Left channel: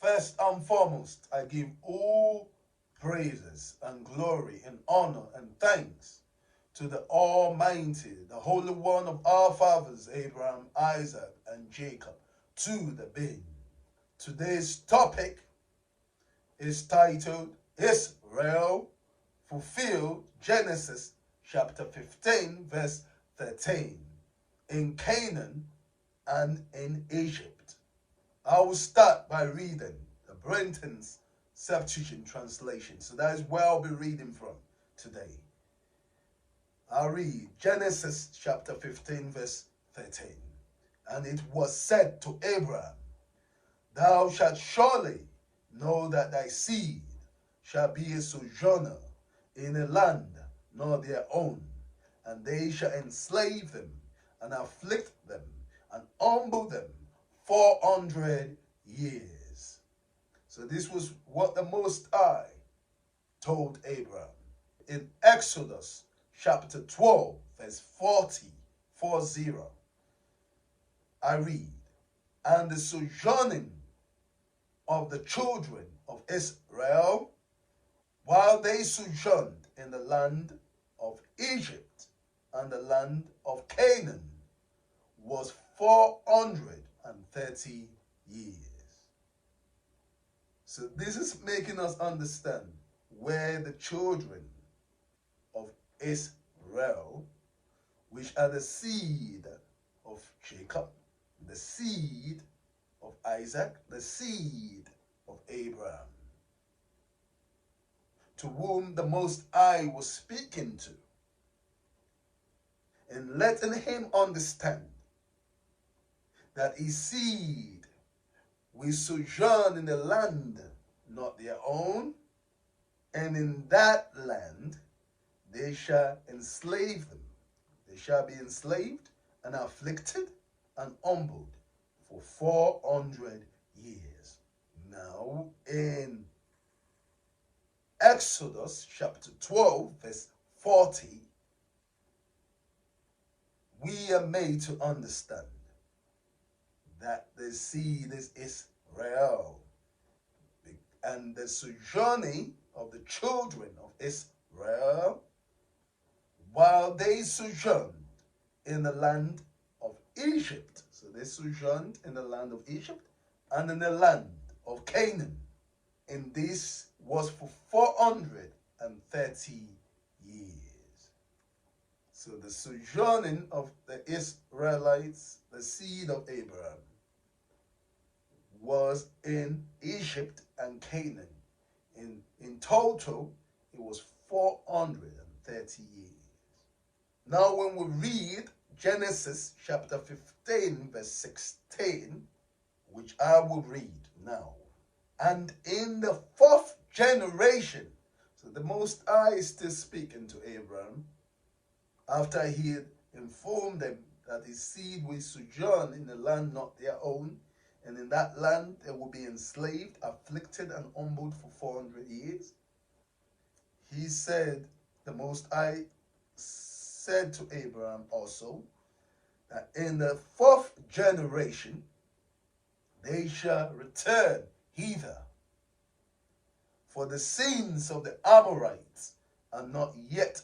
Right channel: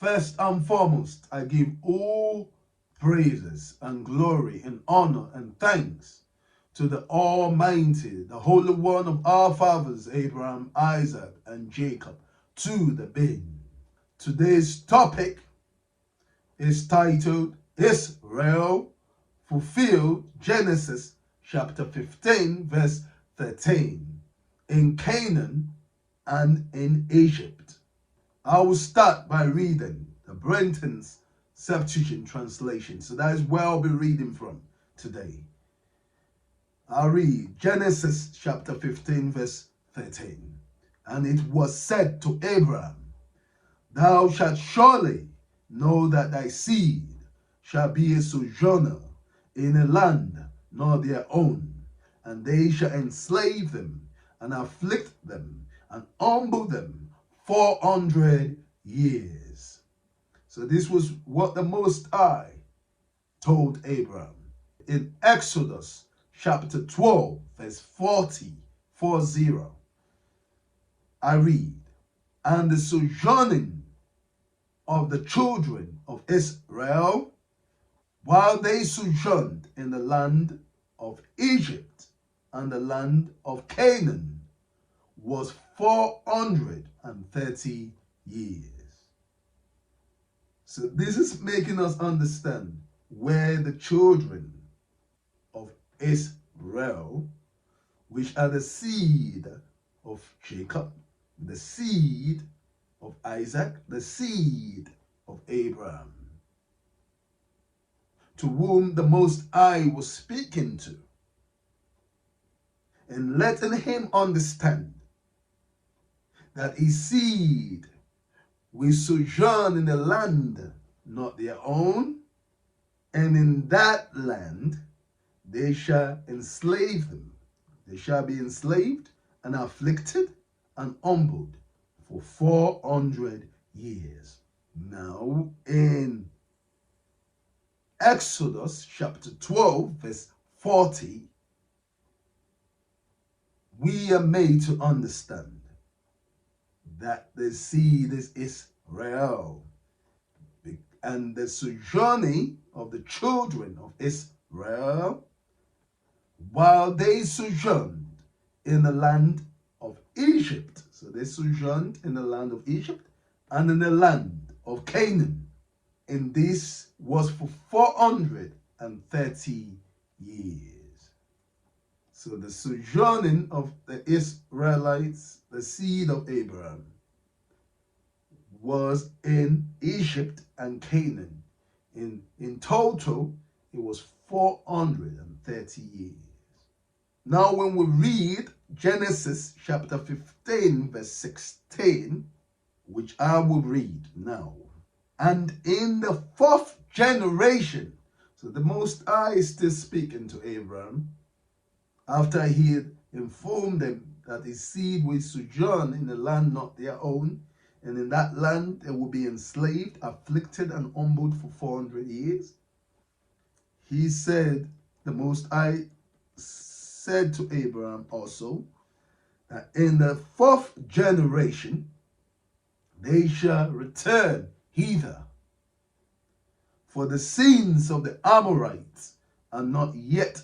First and foremost, I give all praises and glory and honor and thanks to the Almighty, the Holy One of our fathers, Abraham, Isaac, and Jacob, to the being. Today's topic is titled Israel Fulfilled, Genesis chapter 15, verse 13, in Canaan and in Egypt. I will start by reading the Brenton's Septuagint translation. So that is where I'll be reading from today. I'll read Genesis chapter 15, verse 13. And it was said to Abraham, Thou shalt surely know that thy seed shall be a sojourner in a land not their own, and they shall enslave them and afflict them and humble them 400 years. So this was what the Most High told Abraham. In Exodus chapter 12, verse 40, I read, And the sojourning of the children of Israel, while they sojourned in the land of Egypt and the land of Canaan, was 430 years. So this is making us understand where the children of Israel, which are the seed of Jacob, the seed of Isaac, the seed of Abraham, to whom the Most High was speaking to, and letting him understand that his seed will sojourn in a land not their own, and in that land they shall enslave them. They shall be enslaved and afflicted and humbled for 400 years. Now, in Exodus chapter 12, verse 40, we are made to understand that the seed is Israel, and the sojourning of the children of Israel, while they sojourned in the land of Egypt. So they sojourned in the land of Egypt and in the land of Canaan. And this was for 430 years. So the sojourning of the Israelites, the seed of Abraham, was in Egypt and Canaan. In total, it was 430 years. Now when we read Genesis chapter 15, verse 16, which I will read now. And in the fourth generation, so the Most High is still speaking to Abraham, after he had informed them that his seed will sojourn in a land not their own, and in that land they will be enslaved, afflicted, and humbled for 400 years. He said, the Most High said to Abraham also, that in the fourth generation they shall return hither, for the sins of the Amorites are not yet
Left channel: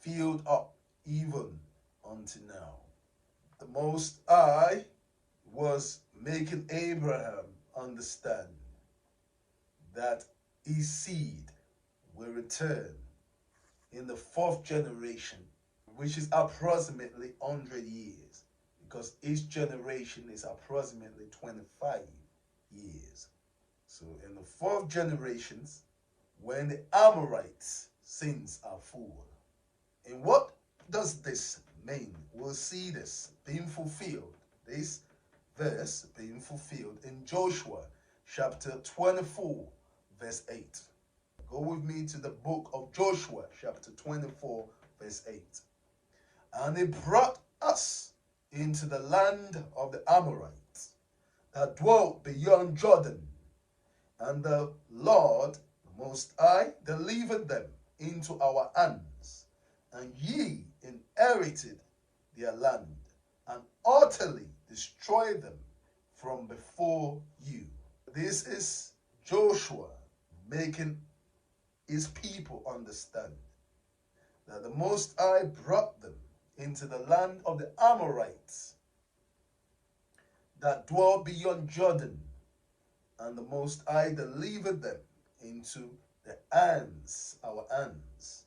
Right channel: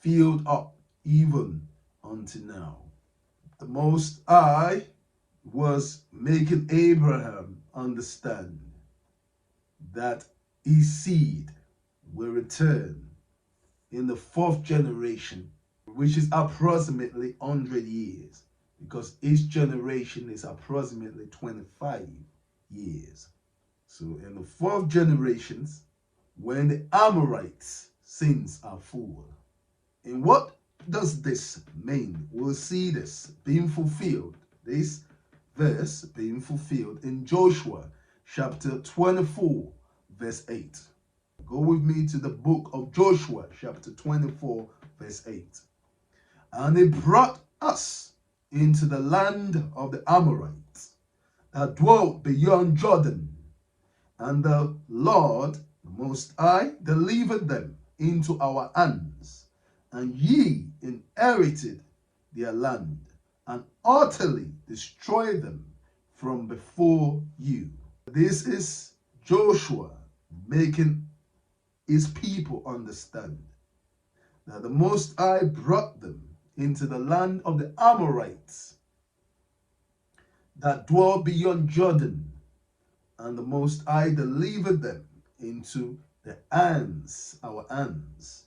filled up, even unto now. The Most High was making Abraham understand that his seed will return in the fourth generation, which is approximately 100 years, because each generation is approximately 25 years. So in the fourth generations, when the Amorites' sins are full. And what does this mean? We'll see this being fulfilled, this verse being fulfilled in Joshua chapter 24, verse 8. Go with me to the book of Joshua chapter 24, verse 8. And he brought us into the land of the Amorites that dwelt beyond Jordan, and the Lord Most High delivered them into our hands, and ye inherited their land, and utterly destroyed them from before you. This is Joshua making his people understand that the Most High brought them into the land of the Amorites that dwell beyond Jordan, and the Most High delivered them into the hands, our hands,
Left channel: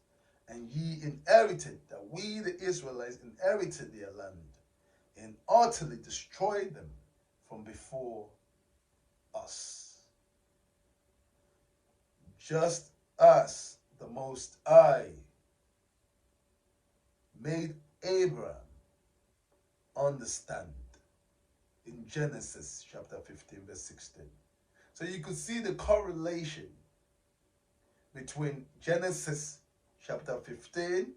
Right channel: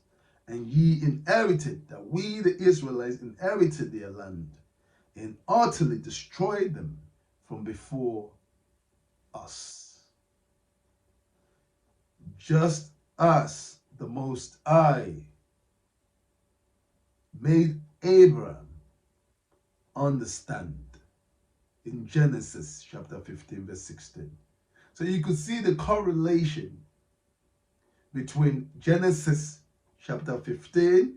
and ye inherited, that we the Israelites inherited their land, and utterly destroyed them from before us. Just as the Most High made Abraham understand in Genesis chapter 15 verse 16. So you could see the correlation between Genesis chapter 15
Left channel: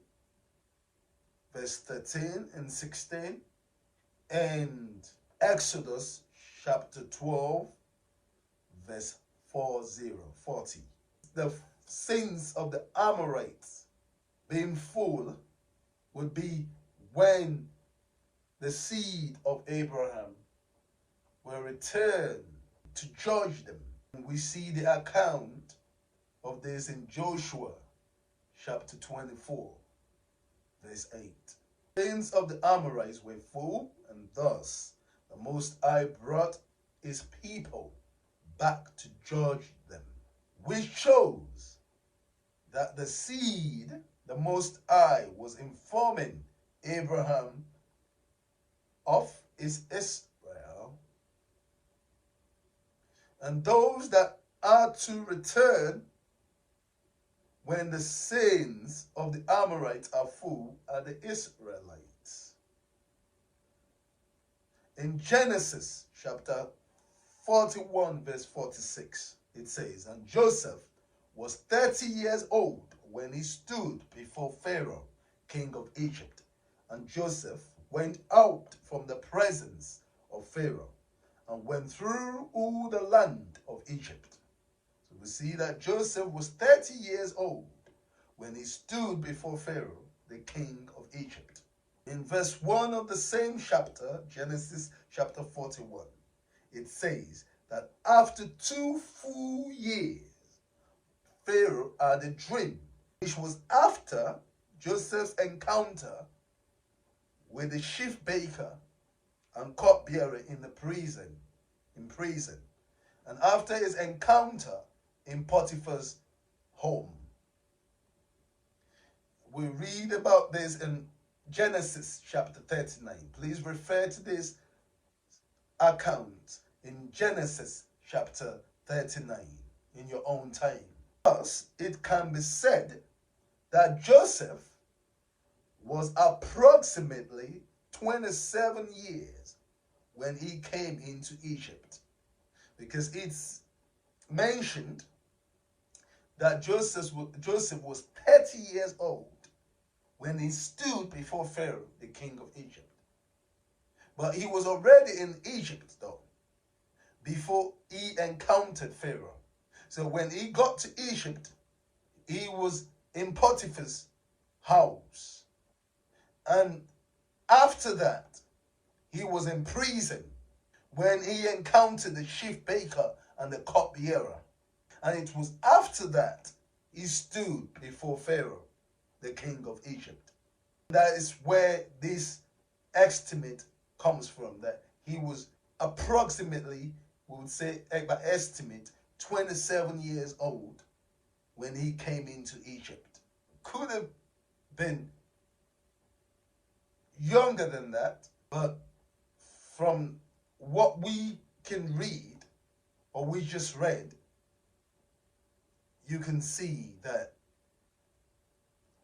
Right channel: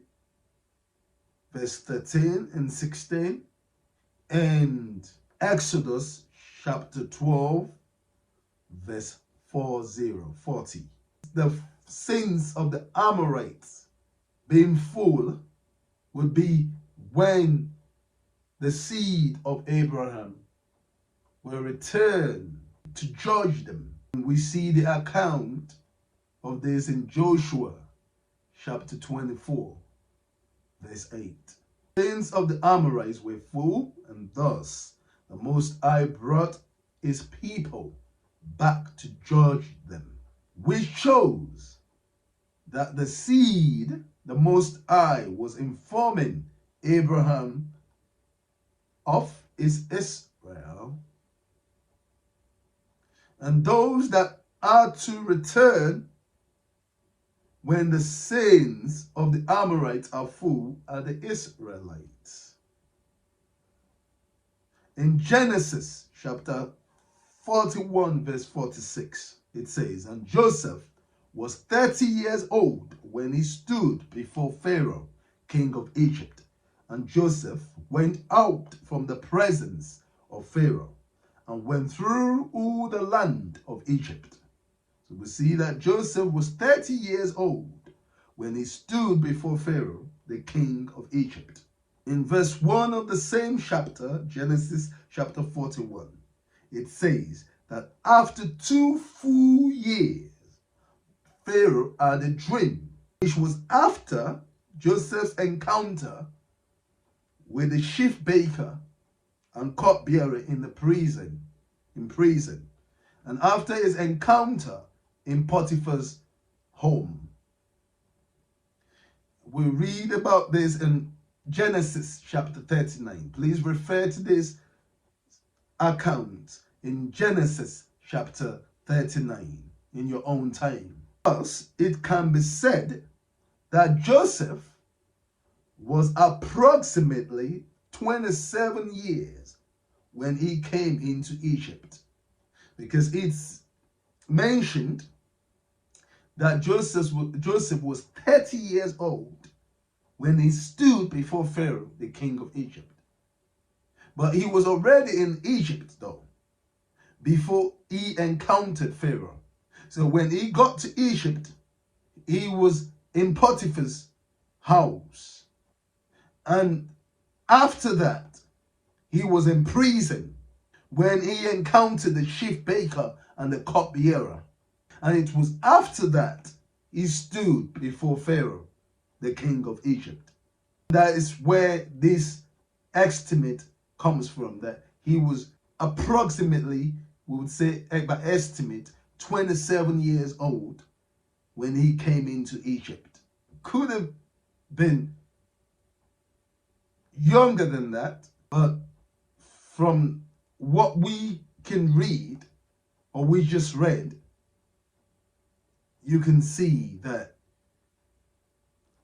verse 13 and 16 and Exodus chapter 12 verse 40. The sins of the Amorites being full would be when the seed of Abraham will return to judge them. We see the account of this in Joshua chapter 24 verse 8. The sins of the Amorites were full, and thus the Most High brought his people back to judge them, which shows that the seed the Most High was informing Abraham of is Israel, and those that are to return when the sins of the Amorites are full are the Israelites. In Genesis chapter 41 verse 46, it says, and Joseph was 30 years old when he stood before Pharaoh, king of Egypt. And Joseph went out from the presence of Pharaoh and went through all the land of Egypt. So we see that Joseph was 30 years old when he stood before Pharaoh, the king of Egypt. In verse 1 of the same chapter, Genesis chapter 41, it says that after 2 full years, Pharaoh had a dream, which was after Joseph's encounter with the chief baker and cupbearer in the prison, and after his encounter in Potiphar's home. We read about this in Genesis chapter 39. Please refer to this account in Genesis chapter 39 in your own time. Thus, it can be said that Joseph was approximately 27 years when he came into Egypt, because it's mentioned that Joseph was 30 years old when he stood before Pharaoh, the king of Egypt. But he was already in Egypt, though, before he encountered Pharaoh. So when he got to Egypt, he was in Potiphar's house. And after that, he was in prison when he encountered the chief baker and the cupbearer. And it was after that he stood before Pharaoh, the king of Egypt. That is where this estimate comes from, that he was approximately, we would say by estimate, 27 years old when he came into Egypt. Could have been younger than that, but from what we can read, or we just read, you can see that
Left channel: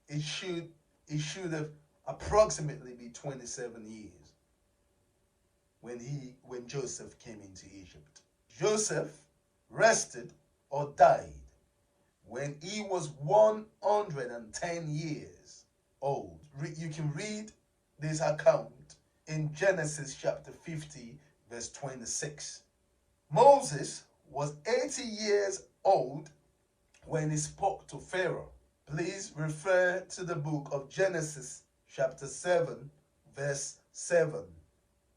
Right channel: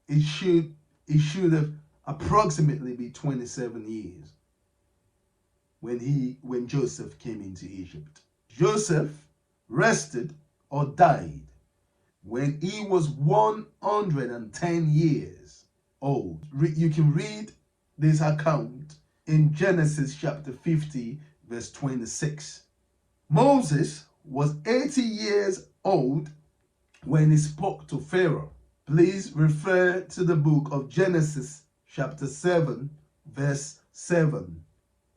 it should have approximately be 27 years when Joseph came into Egypt. Joseph rested or died when he was 110 years old. You can read this account in Genesis chapter 50 verse 26. Moses was 80 years old when he spoke to Pharaoh. Please refer to the book of Genesis chapter 7 verse 7.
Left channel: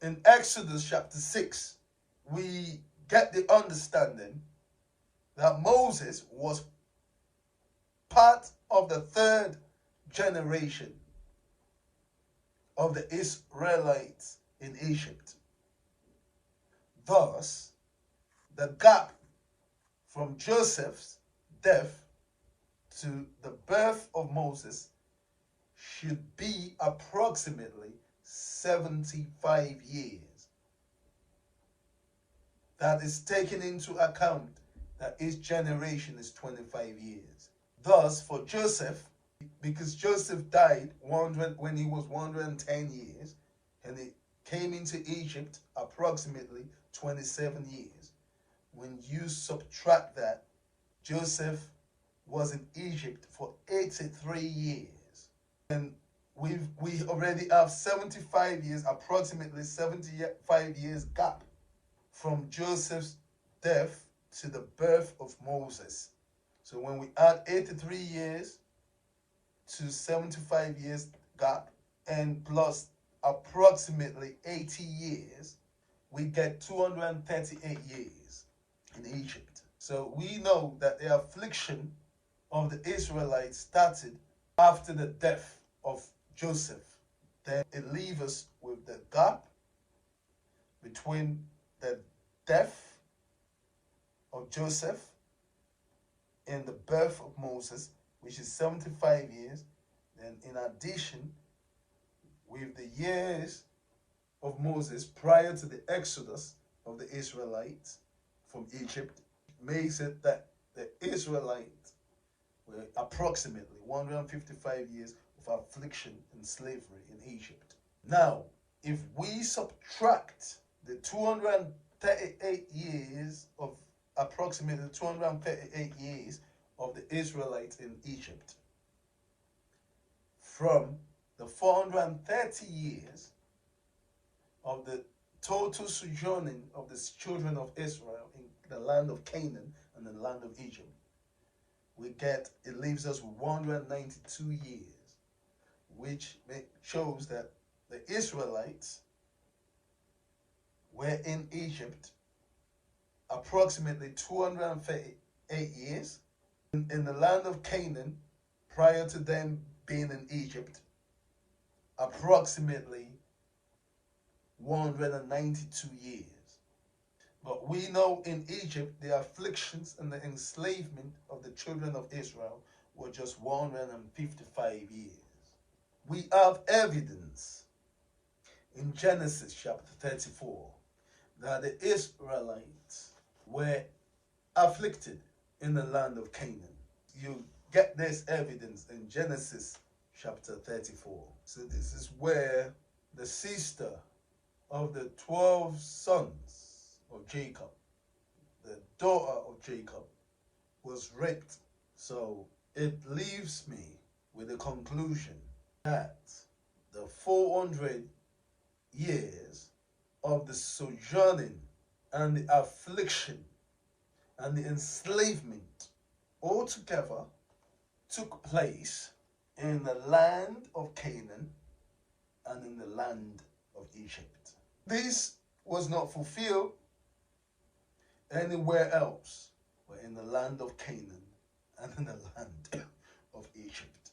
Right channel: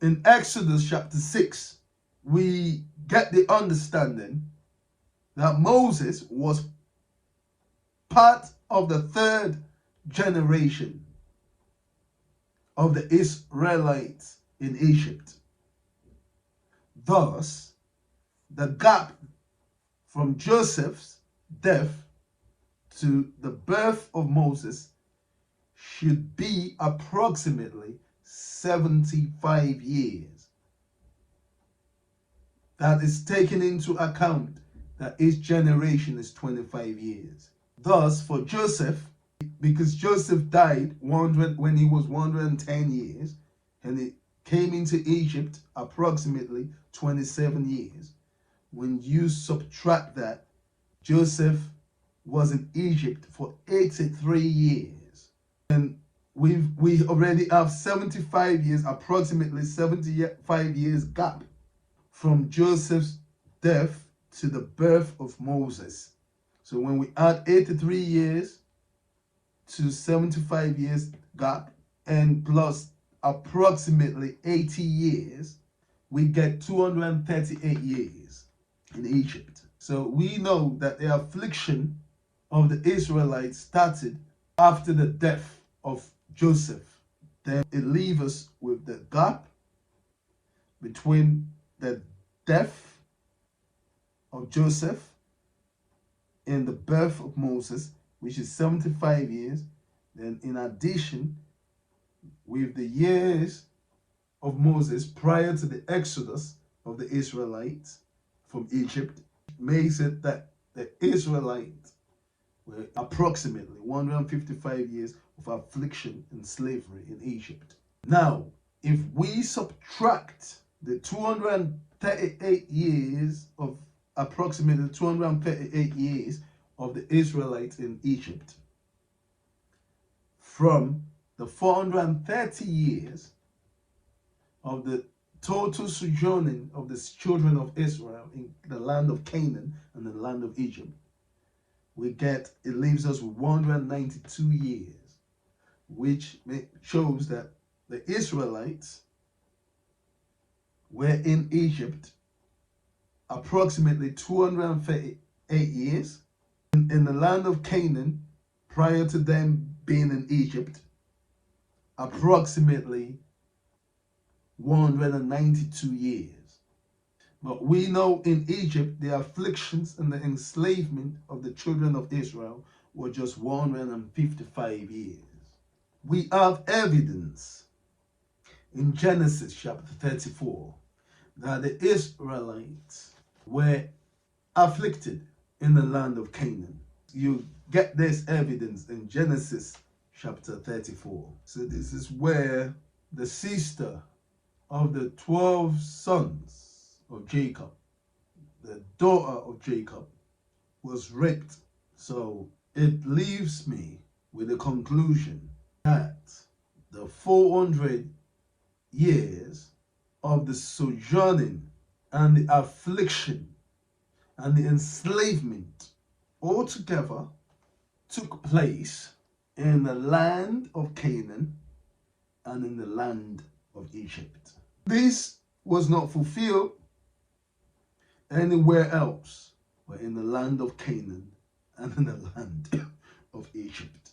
In Exodus chapter 6, we get the understanding that Moses was part of the third generation of the Israelites in Egypt. Thus, the gap from Joseph's death to the birth of Moses should be approximately 75 years. That is taken into account that each generation is 25 years. Thus, for Joseph, because Joseph died when he was 110 years, and he came into Egypt approximately 27 years. When you subtract that, Joseph was in Egypt for 83 years. And we already have 75 years, approximately 75 years gap from Joseph's death to the birth of Moses. So when we add 83 years to 75 years gap and plus approximately 80 years, we get 238 years in Egypt. So we know that the affliction of the Israelites started after the death of Joseph. Then it leaves us with the gap between the death of Joseph and the birth of Moses, which is 75 years. Then in addition, with the years of Moses prior to the exodus of the Israelites from Egypt, makes it that the Israelites were approximately 155 years of affliction and slavery in Egypt. Now, if we subtract the 238 years of approximately 238 years of the Israelites in Egypt from the 430 years of the total sojourning of the children of Israel in the land of Canaan and the land of Egypt, it leaves us with 192 years, which shows that the Israelites were in Egypt approximately 238 years, in the land of Canaan prior to them being in Egypt approximately 192 years. But we know in Egypt the afflictions and the enslavement of the children of Israel were just 155 years. We have evidence in Genesis chapter 34 that the Israelites were afflicted in the land of Canaan. You get this evidence in Genesis chapter 34. So this is where the sister of the 12 sons of Jacob, the daughter of Jacob, was raped. So it leaves me with the conclusion that the 400 years of the sojourning and the affliction and the enslavement altogether took place in the land of Canaan and in the land of Egypt. This was not fulfilled anywhere else but in the land of Canaan and in the land of Egypt.